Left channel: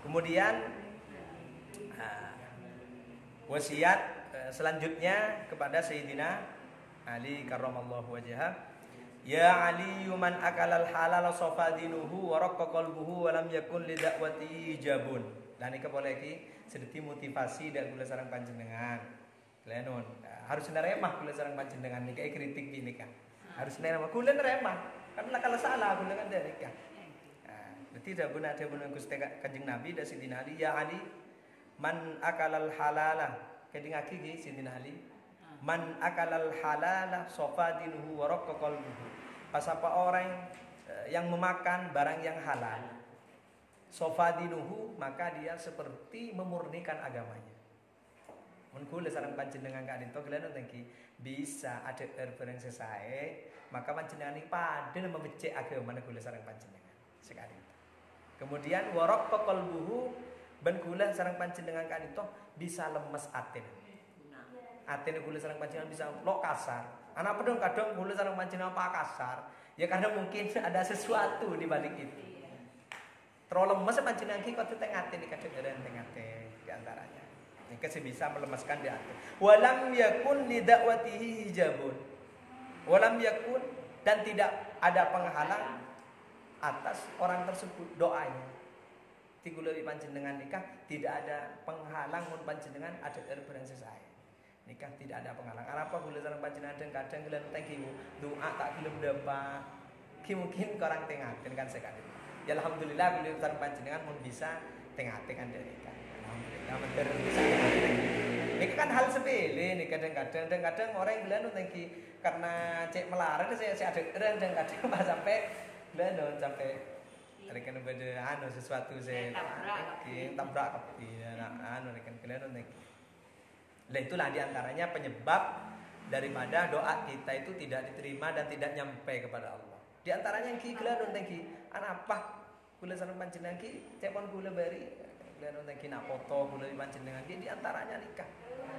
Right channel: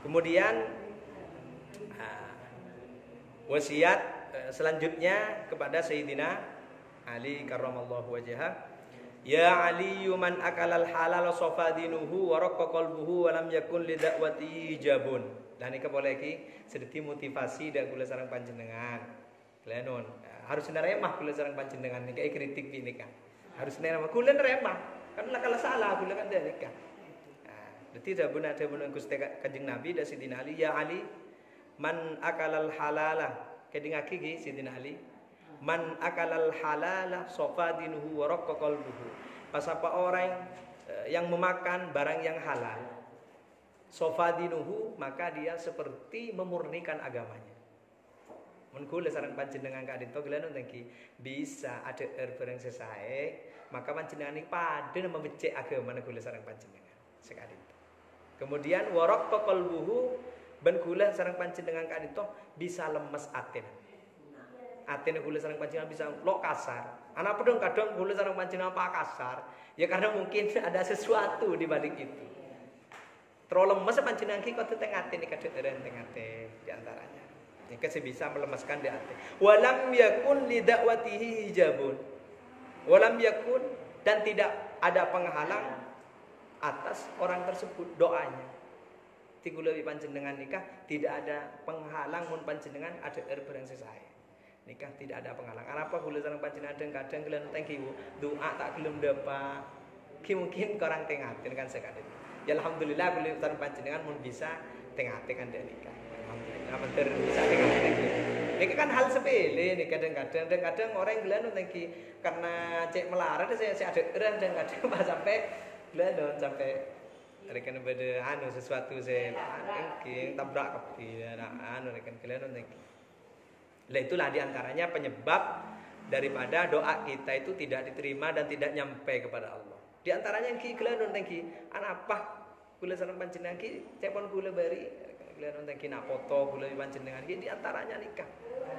Kemudian wasiat selanjutnya kepada Sayyidina Ali karramallahu wajhah, ya Ali man akalal halal safadinuhu wa raqqa qalbuhu wa lam yakun li da'wati ijabun. Dan iki boleh iki sedeti motivasi dak kula sareng panjenengan. Klenon harus neremah kula sareng panjenengan niki kritik nika. Harus neremah kula neremah. Kan kalau salah kula kan nika. Berarti dah benar Gusti Kanjeng Nabi dan Sayyidina Ali, ya Ali man akalal halala kedingaki gi Sayyidina Ali, man akalal halala safadinuhu wa raqqa qalbuhu. Pas apa orang yang memakan barang yang halal, safadinuhu, maka dia seperti memurnikan agamanya. Mun kula sareng panjenengan kadito gelenon tengki bisa ada barang sesae, maka panjenengan iki padha membecek agama kula sareng panjenengan sekali. Kemudian warok qalbuhu ben kula sareng panjenengan kadito bisa lemes atine. Atine kula sareng panjenengan bisa lo kasar. Anak pedong kadang kula sareng panjenengan apa kasar? Ya karena mungkin ada sesuatu di balik itu. Terlalu lemes panjenengan ki kok teng atine kadang teng ate di antaranya. Nika bisa melemaskan di ate. Walam yakun li da'watihi hijabun. Walam yakun dan tidak ada penghalang atas orang tersebut doanya. Tigulawi panjenengan nikah tidak ada penghalang mun panjenengan ada barang sesae. Nikah tidak ada penghalang. Apa kula sareng panjenengan kadang kalian thank you doa tak gelem dapat. Ki mungkin kurang tengaten kan sekali. Ya alhamdulillah kula sareng panjenengan mun bisa tengaten kan nikah. Alhamdulillah bener bisa tengaten. Ini kan hal sepele nih kadang-kadang orang gila nunggu karena cek melarat saya ada dan kadang pas sampai gila sampai rekan pada sesuatu saya mungkin tabrak kepi rekan gila nunggu. Itulah diantaranya penyebab daripada doa kita itu tidak diterima dan tidak nyampe kepada Allah. Diantaranya yang gila nunggu apa gula sareng panjenengan ki telepon gula bari gula nunggu nak foto gula panjenengan ki diantaranya nikah.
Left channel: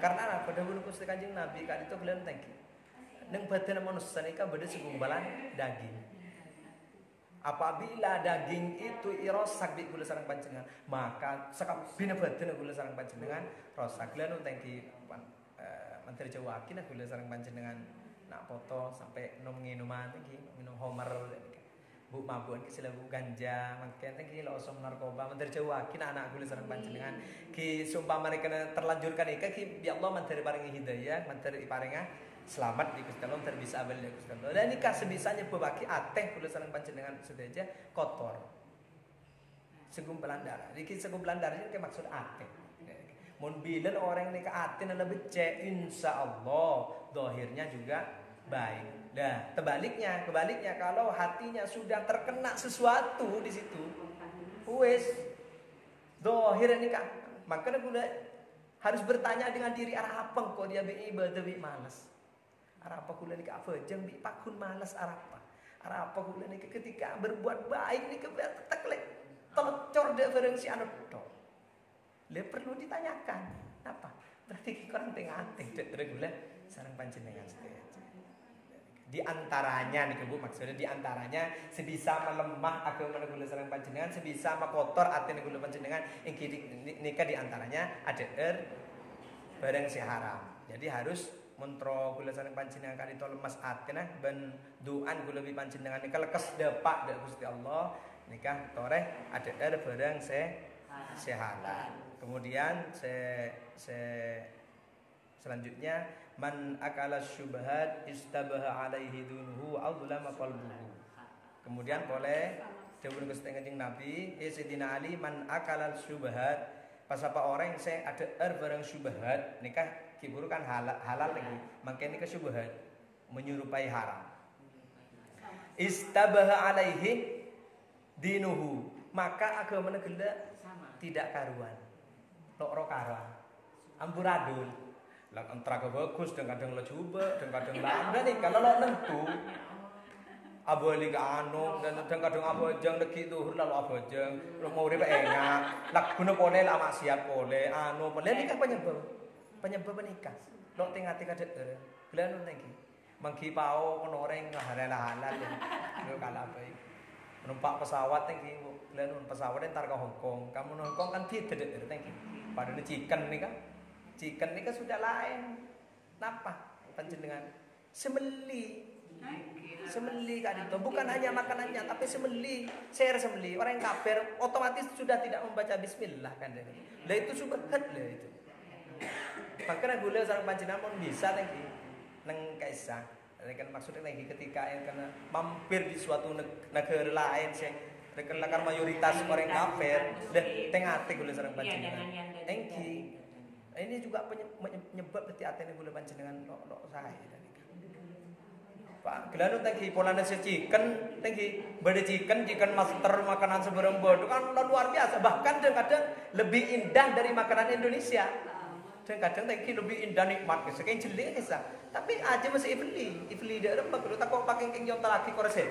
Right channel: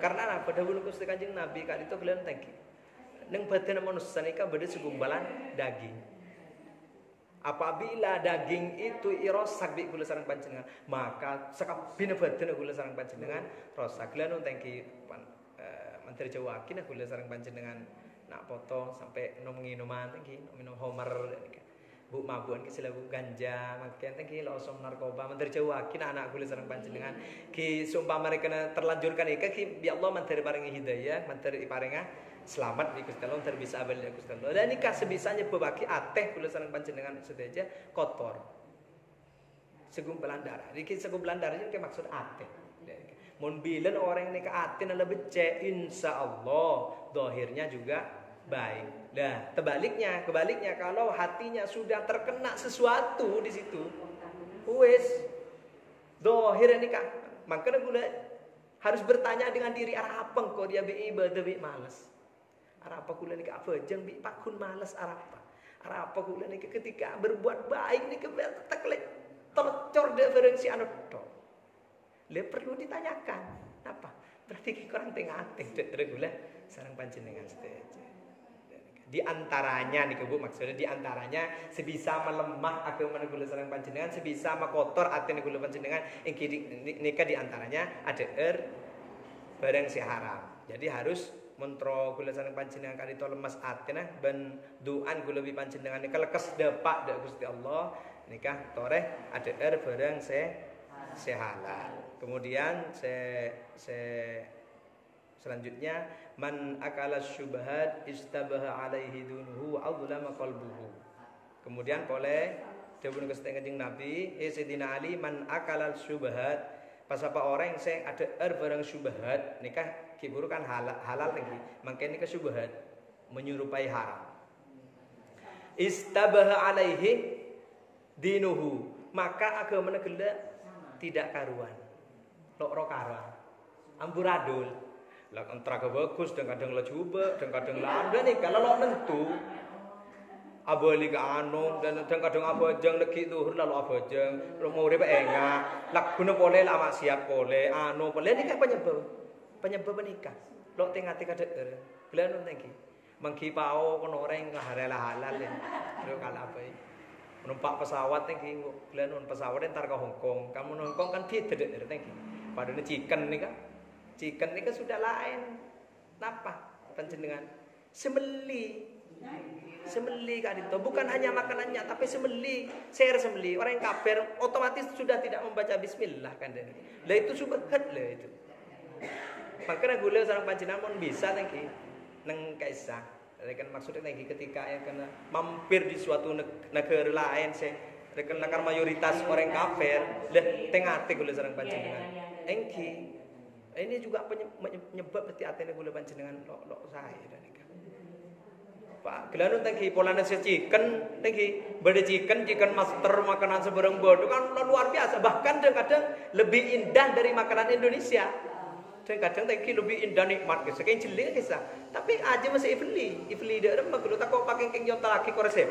Karena apa? Dahulu Gusti Kanjeng Nabi kali itu kalian tangki. Neng badan manusia nikah beda segumbalan daging. Apabila daging itu irosak di kula sareng panjenengan, maka sakabina badan kula sareng panjenengan rosak. Kalian tangki menteri Jawa kina kula sareng panjenengan nak foto sampai minuman tangki minum homer bu mabuan ki silaku ganja makan ki losom narkoba menteri Jawa kina anak kula sareng panjenengan ki sumpah mereka terlanjurkan ika ki bi Allah menteri paringi hidayah menteri paringa selamat di Gusti Allah menteri bisa abadi Gusti Allah dan nikah sebisanya bebaki ateh kula sareng panjenengan sedaja kotor segumpalan darah iki segumpalan darah iki maksud ateh mun bilen orang nikah ateh lebih becek insyaallah zahirnya juga baik. Nah, kebaliknya kalau hatinya sudah terkena sesuatu di situ, wes dohir ini kan, makanya gue harus bertanya dengan diri arah apa kok dia beribadah bi malas, arah apa gue nih apa jeng bi pakun malas arah apa gue nih ketika berbuat baik nih kebetulan telecor diferensi anu dong, le perlu ditanyakan apa berarti kurang tengah-tengah reguler sarang panjenengan saja. Di antaranya nih Bu maksudnya di antaranya sebisa melemah agama kula sareng panjenengan sebisa makotor atine kula panjenengan nikah di antaranya ada barang si haram. Jadi harus mentro kula sareng panjenengan kali to lemas atine ben duan kula wi panjenengan nikah lekes depak dak Gusti Allah nikah toreh ada barang se halal. Kemudian selanjutnya man akala syubhat istabaha alaihi dunuhu wa adlama qalbuhu. Kemudian boleh dawuh Gusti Kanjeng Nabi Sayyidina Ali man akala syubhat pas apa orang yang saya ada barang syubhat nikah kiburu kan halal lagi makanya nikah syubhat menyerupai haram istabaha alaihi dinuhu maka agama negara tidak karuan lok karuan amburadul lah antara bagus dan kadang lah coba dan kadang lamban nih kalau lo nentu abali ke anu dan kadang abajang lagi tuhur lalu abajang lo mau riba enggak lak guna boleh lah maksiat boleh anu boleh nikah penyebab nikah lo tengah kada kalian nonton ki mangki pao kono orang halal ya lo kalah apa Numpak pesawat tengki, kalian pesawat entar ke Hong Kong. Kamu Hong Kong kan beda tengki. Padahal chicken nih kan sudah lain. Napa panjenengan? Semeli Kak Adinto, bukan hanya makanannya tapi semeli, share semeli. Orang yang kafir otomatis sudah tidak membaca bismillah kan ini. Lah itu subhat lah itu. Makanya gula sareng panjenengan bisa tengki neng kaisah. Kan maksudnya lagi ketika yang kena mampir di suatu negara lain saya rekan mayoritas orang kafir dah tengah gula sareng panjenengan engki ini juga penyebab berarti atene gula panjenengan lo saya tadi kan Pak gelanun tengki pola nasi chicken tengki beda chicken master makanan seberang bodoh kan luar biasa bahkan kadang lebih indah dari makanan Indonesia. Dan kadang tengki lebih indah nikmat gitu. Kayak jeling kisah. Tapi aja masih ibli dia orang makro tak kau pakai keng jonta lagi kau resep.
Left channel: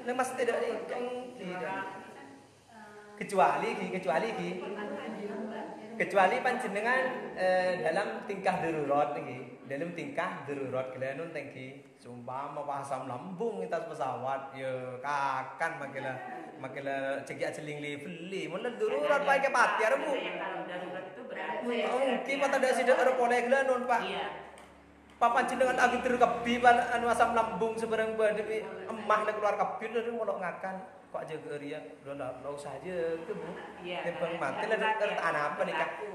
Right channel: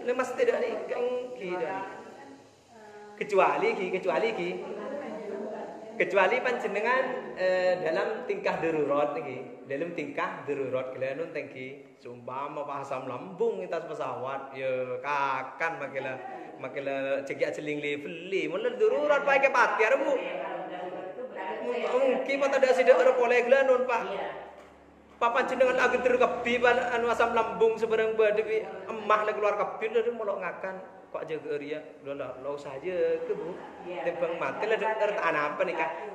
Ini masih tidak ada kengki kecuali panjenengan dalam tingkah darurat nih. Dalam tingkah darurat kalian tengki sumpama asam lambung atas pesawat ya kakan makila cekiak jeling beli mulai darurat pakai pati aremu. Mungkin mata dak sida ora boleh gelanon Pak. Papan jenengan agi terkebi anu asam lambung sebarang badewi emah le keluar kebi lho molok ngakan kok jaga ria lo saja ke Bu. Tembang mati lah apa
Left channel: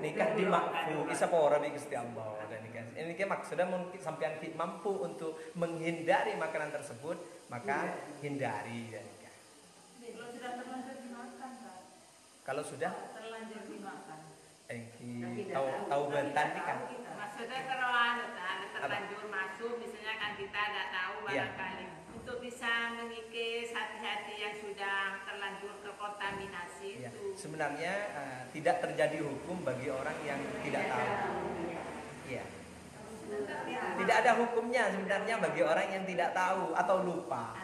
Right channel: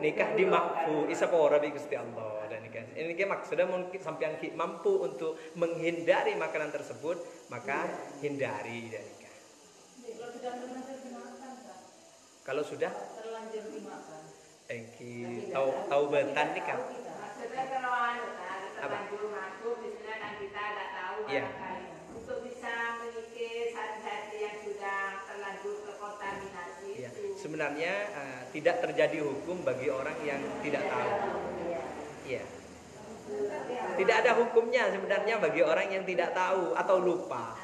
nikah di makfu isapora di Gusti Allah dan nikah. Ini maksudnya mungkin sampean mampu untuk menghindari makanan tersebut maka hindari dan nikah. Kalau sudah terlanjur dimakan engki tahu bentan nih kan maksudnya terlanjur masuk misalnya kan kita ada tahu barangkali untuk bisa mengikis hati-hati yang sudah terlanjur terkontaminasi itu. Sebenarnya tidak terjadi hukum bagi orang yang tidak tahu. Iya. Tidak ada hukumnya sebenarnya bagi orang yang tidak tahu atau lupa.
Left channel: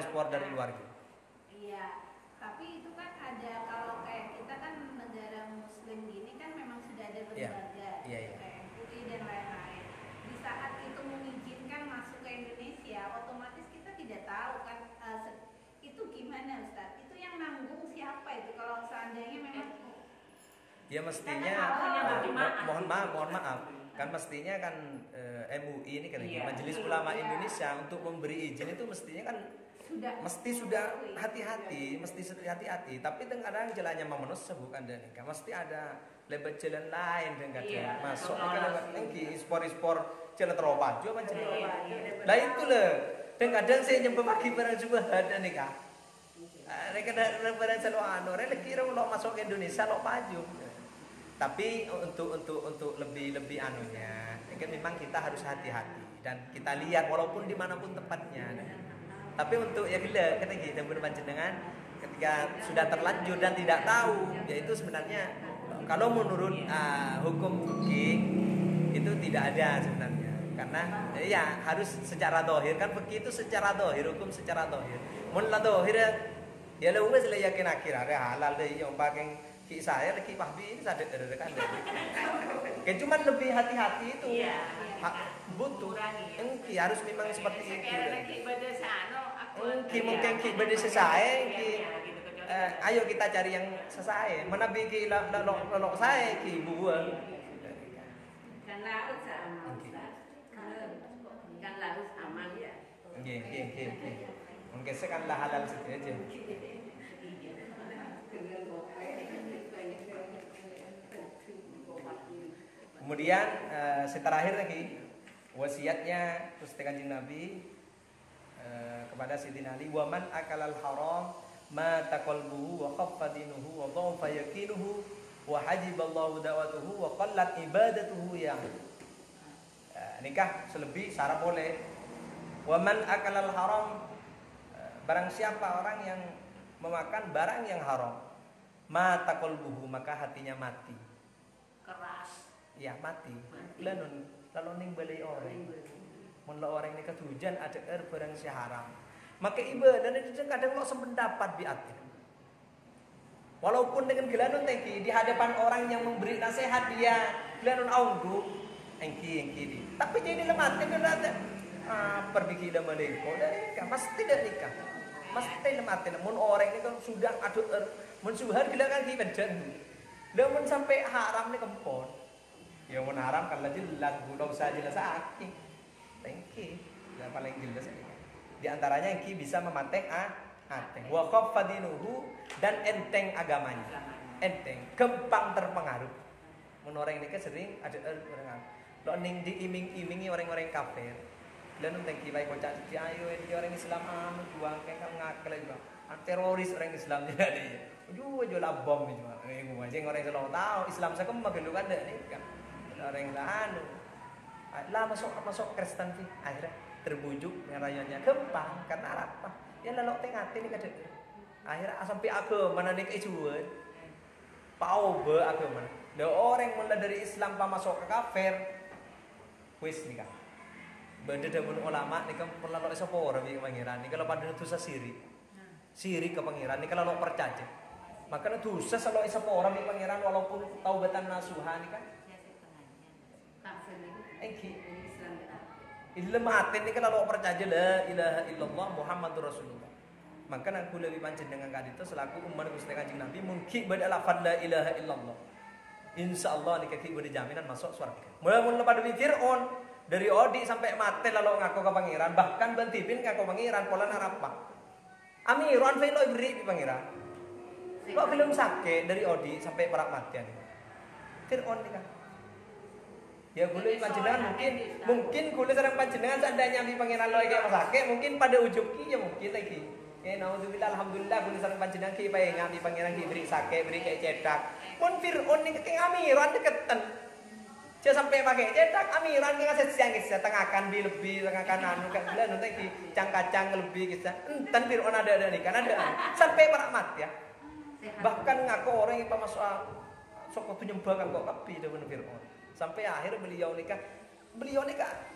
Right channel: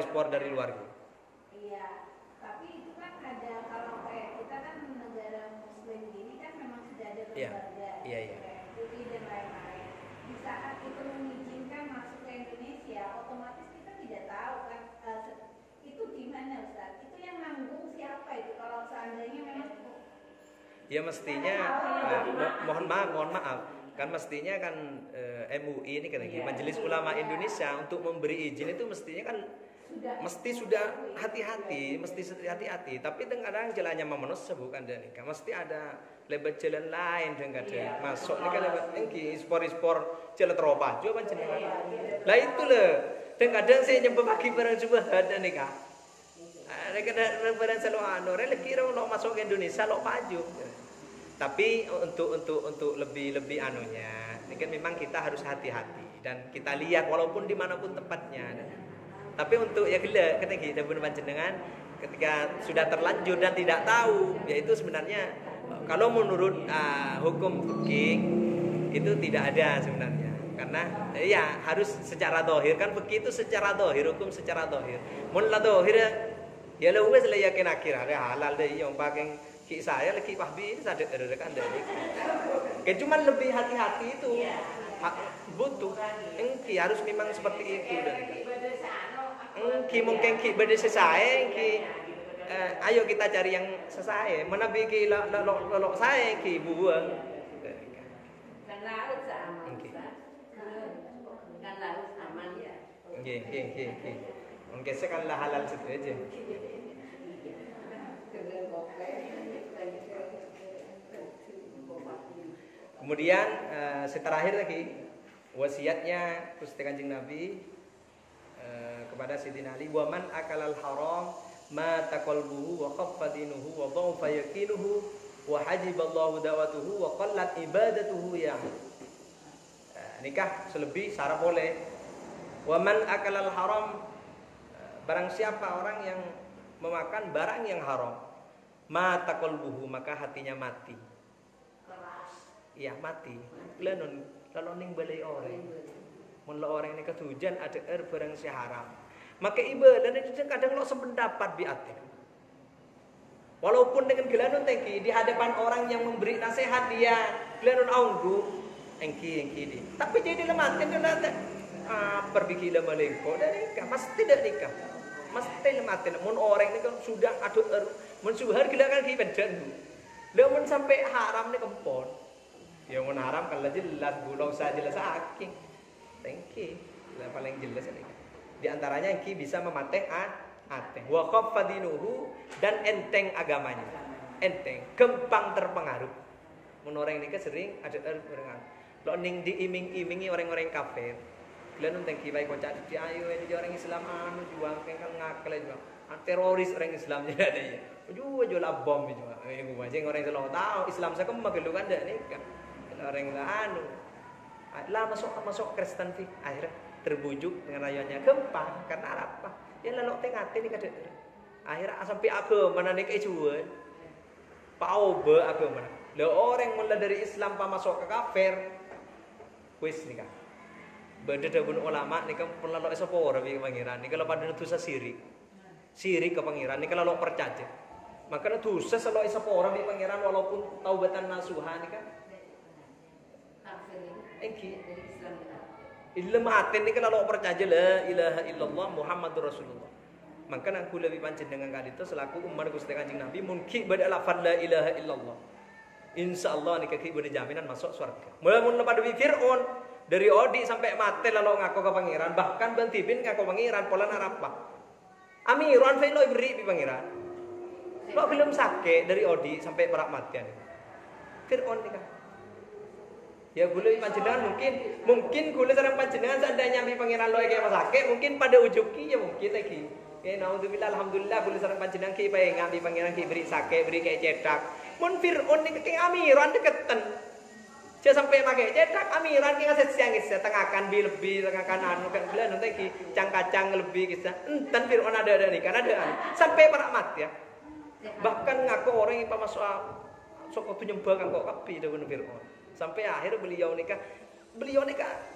Spor dari luar gitu. Iya, tapi itu kan ada kalau kayak kita kan negara muslim gini kan memang sudah ada keluarga, kayak putih dan lain-lain. Di saat itu mengizinkan masuk ke Indonesia, otomatis kita tidak tahu kan itu gimana Ustaz? Itu yang nanggung siapa itu kalau seandainya memang? Ya mestinya mohon maaf. Kan mestinya kan MUI ini kan Majelis Ulama Indonesia untuk memberi izin itu mestinya kan sudah hati-hati, tapi kadang jalannya memenuhi bukan dan kan mesti ada lebat jalan lain dan kadang masuk ini kan lebat tinggi spor jalan terobat juga kan jalan lah itu loh dan kadang saya nyempe pagi barang coba ada nih kak ada barang selalu kira lo masuk ke Indonesia lo paju. Tapi untuk lebih anunya, ini kan memang kita harus hati-hati dan kita lihat walaupun dimanapun tempatnya. Tapi untuk ya gila, kita panjenengan ketika sudah terlanjur dan tidak tahu, yaitu sebenarnya kalau menurut hukum fikih itu tidak ada sebenarnya. Karena ya harus secara dohir kan begitu secara dohir hukum secara dohir. Mun la dohir ya lu wis la yakin akhir halal deh yang pakai saya lagi pahbi ini sadar kan dari. Kan cuman lebih hati-hati itu. Butuh. Engki harus memang seperti itu dari. Engki mungkin ki beda sesae ki. Ayo kita cari yang sesae. Mana biki lok saya ki bubuang. Kan laut aman. Kan laut aman ya. Nggih. Mungkin kan halal saja. Kemudian terakhir lagi wasiatnya Gusti Kanjeng Nabi kepada Sayyidina Ali, "Wa man akalal haram ma taqalbuhu wa khaffa dinuhu wa dha'fa yaqinuhu wa hajiballahu da'watuhu wa qallat ibadatuhu ya." Nikah selebih syarat boleh. Wa man akalal haram barang siapa orang yang memakan barang yang haram, ma taqalbuhu maka hatinya mati. Ya mati. Lalu ning balai orang. Mun orang ini ketujuan ada barang si haram. Maka ibadah itu kadang lo sependapat biat. Walaupun dengan gelanun tengki di hadapan orang yang memberi nasihat dia gelanun aunggu engki di. Tapi jadi lemah kan ada pergi dah melengko dari nikah mesti tidak nikah. Mesti lemah mun orang ini kan sudah adu mun suhar gelangan ki bedan. Mun sampai haram ni kempon. Ya mun haram kan jelas bulau saja jelas aking. Tengki. Yang paling jelas ini. Di antaranya engki bisa memateh ateh wa khafadinuhu dan enteng agamanya. Enteng, gampang terpengaruh. Mun orang ini sering ada orang lo ning diiming-imingi orang-orang kafir. Lan enteng ki bae kocak di ayo ini orang Islam anu juang kan ngakal juga. Teroris orang Islam jadi. Jual bom juga. Gua aja orang itu tahu Islam saya kan magelu kan dak nikah. Orang anu. Lah masuk Kristen fi akhirnya terbujuk dengan rayanya gampang karena apa? Ya lalu tengah ini kada. Akhirnya sampai agama mana nek ejuan. Pauba agama. Lah orang mulai dari Islam pa masuk ke kafir. Wis nikah. Benda pun ulama nikah pun lalu sapa ora pi pangeran. Nikah pada dosa sirik. Sirik ke pangeran nikah lalu percaya. Maka dosa selalu sapa ora pi pangeran walaupun taubatan nasuha nikah. Engki Ilmu hati ni kan kalau percaya la ilaha illallah Muhammadur Rasulullah. Maka aku lebih pancen dengan kadito selaku umat Gusti Kanjeng Nabi mungkin pada lafaz la ilaha illallah. Insyaallah ni kaki beri jaminan masuk surga. Mula-mula pada Fir'aun dari odi sampai mati lalu ngaku ke pangeran, bahkan bentipin ngaku pangeran pola narapa. Amiran fe lo beri di pangeran. Lo belum sakit dari odi sampai perak matian. Fir'aun ni kan. Ya boleh panjenengan mungkin kula sareng panjenengan seandainya di pangeran loe kayak masake mungkin pada ujub ki ya mungkin lagi. Ya naudzubillah alhamdulillah kula sareng panjenengan ki bae ngambi pangeran ki beri sake beri kayak cetak. Mun Fir'aun ning keng amiran deketen. Dia sampai pakai cetak amiran ki ngasih siang ki setengahkan lebih tengahkan anu kan bila nonton ki cang-kacang lebih kita. Enten Fir'aun ada nih kan ada. Sampai para mati ya. Bahkan ngaku orang yang masuk sok penyembah ngaku kapi dewan Fir'aun. Sampai akhir beliau nikah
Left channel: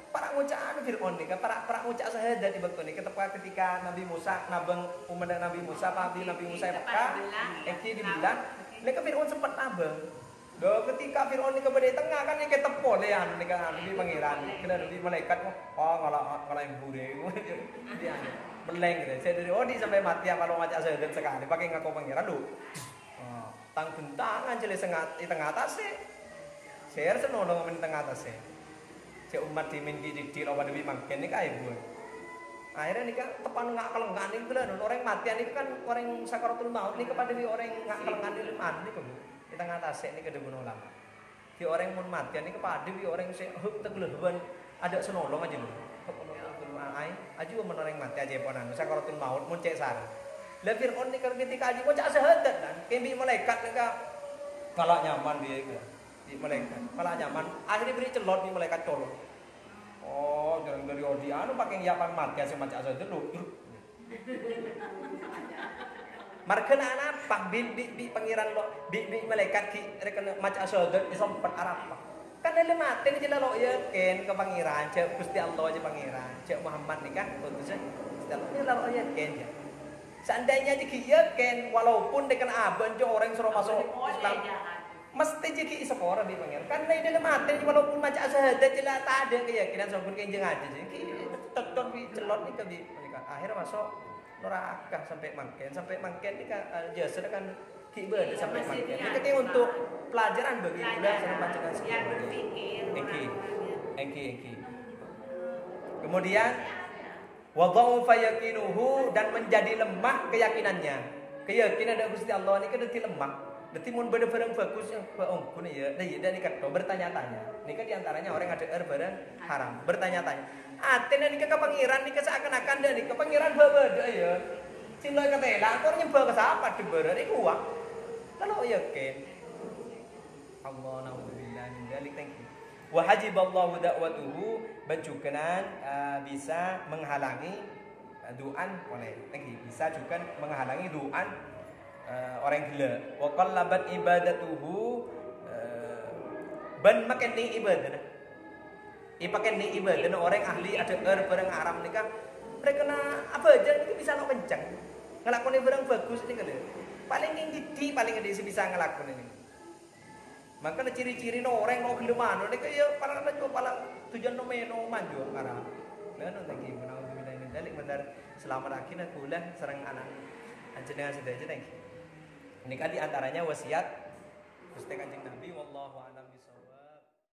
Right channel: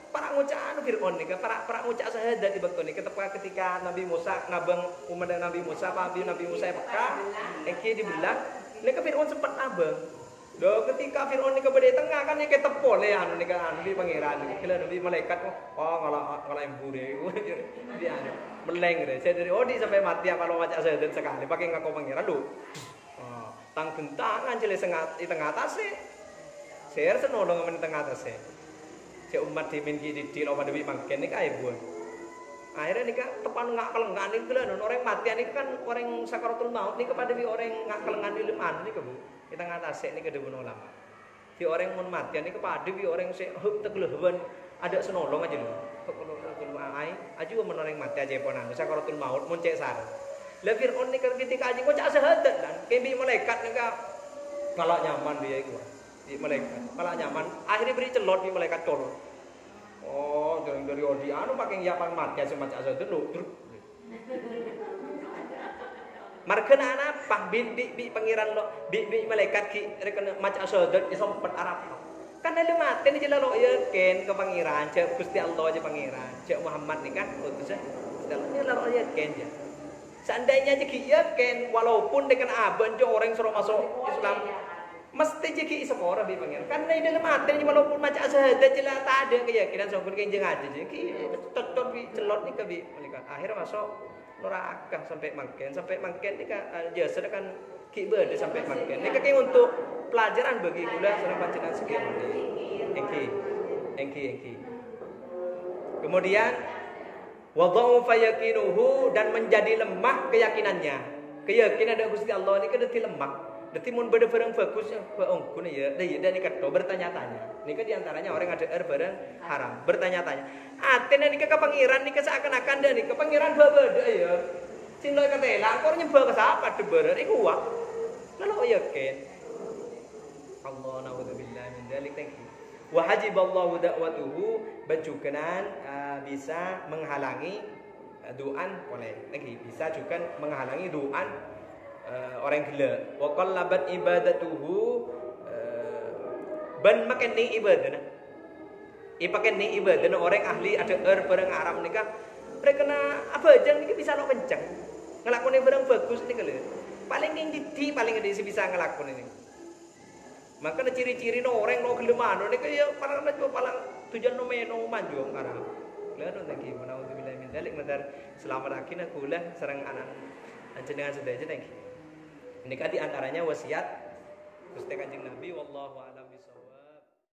para ngucaan Fir'aun nikah para ngucak syahadat di waktu nikah ketika Nabi Musa nabang umat Nabi Musa Nabi Musa Mekah engki dibelah nikah Fir'aun sempat abang do ketika Fir'aun nikah pada tengah kan nikah tepol ya anu nikah Nabi pangeran kira Nabi malaikat ngalah embure dia meleng deh saya dari odi sampai mati kalau ngucak syahadat sekali pakai ngaku pangeran lho tang bentangan jelas di tengah atas sih saya senolong ngamen tengah atas ya. Si umat dimin ki di lo pada bimangken ni kaya buat. Akhirnya ni kan tepan ngak kelengan ni tu lah. Orang matian ni kan orang sakaratul maut ni kepada orang ngak kelengan ni leman ni kebu. Di tengah atas ni kada guna lama. Si orang mun matian ni kepada orang si hup tegelehban ada senolong aja lu. Hup ai aju men orang mati aja ponan sakaratul maut mun cek sar. Lah Fir'aun ni ketika aja kok cak sehadat kan. Kembi malaikat ni ka malah nyaman dia itu. Di malaikat malah nyaman akhirnya beri celot di malaikat colot dari odi anu pakai nyiapan mati semacam itu lu markena apa di pangeran lo di malaikat ki rekena macam sahadat sempat arab kan ada mati ni jelas lo ya ken ke pangeran cek Gusti Allah aja pangeran cek Muhammad ni kan utusnya Gusti Allah ni lo ya ken ya seandainya jadi ya ken walaupun dengan aban jo orang suruh masuk Islam mesti jadi seorang di pangeran karena di dalam hati walaupun macam syahadat jelas tak ada keyakinan sampun kenjeng aja jadi tetap di celot ni ke mereka akhirnya masuk neraka sampai mangken ni kan jasa kan ki berde sampai mangken ni kayak untuk pelajaran bagi kula sareng panjenengan sekian engki kemudian wadau fayakinuhu dan menjadi lemah keyakinan dari Gusti Allah ni kan dadi lemah. Berarti mun barang bagusnya keongkun ya, dan ini kata bertanya-tanya. Ini kan diantaranya orang ada barang haram, bertanya-tanya. Aten ini ke pangeran ini seakan-akan dan ini ke pangeran berbeda ya. Cinta kata langkor nyembah ke siapa tu berat ini kuat. Lalu ya ken. Allah naudzubillah min dzalik tangki. Wa hajiballahu da'watuhu bencukenan bisa menghalangi du'an boleh. Lagi bisa juga menghalangi du'an orang gila wa qallabat ibadatuhu ban makan ni ibadah pakai ni ibadah orang ahli ada barang haram nikah mereka kena apa aja ni bisa nak kencang ngelakoni barang bagus ni kalau Paling ngidi paling ngidi bisa ngelakon ini. Maka ciri-ciri orang no gelem ini kaya paling tujuan no meno manjung karena leno thank you menawa bilang mindalik bentar selamat lagi nak kula sareng anak jenengan sedaya thank you. Ini kan diantaranya wasiat Gusti Kanjeng Nabi wallahu a'lam bishawab.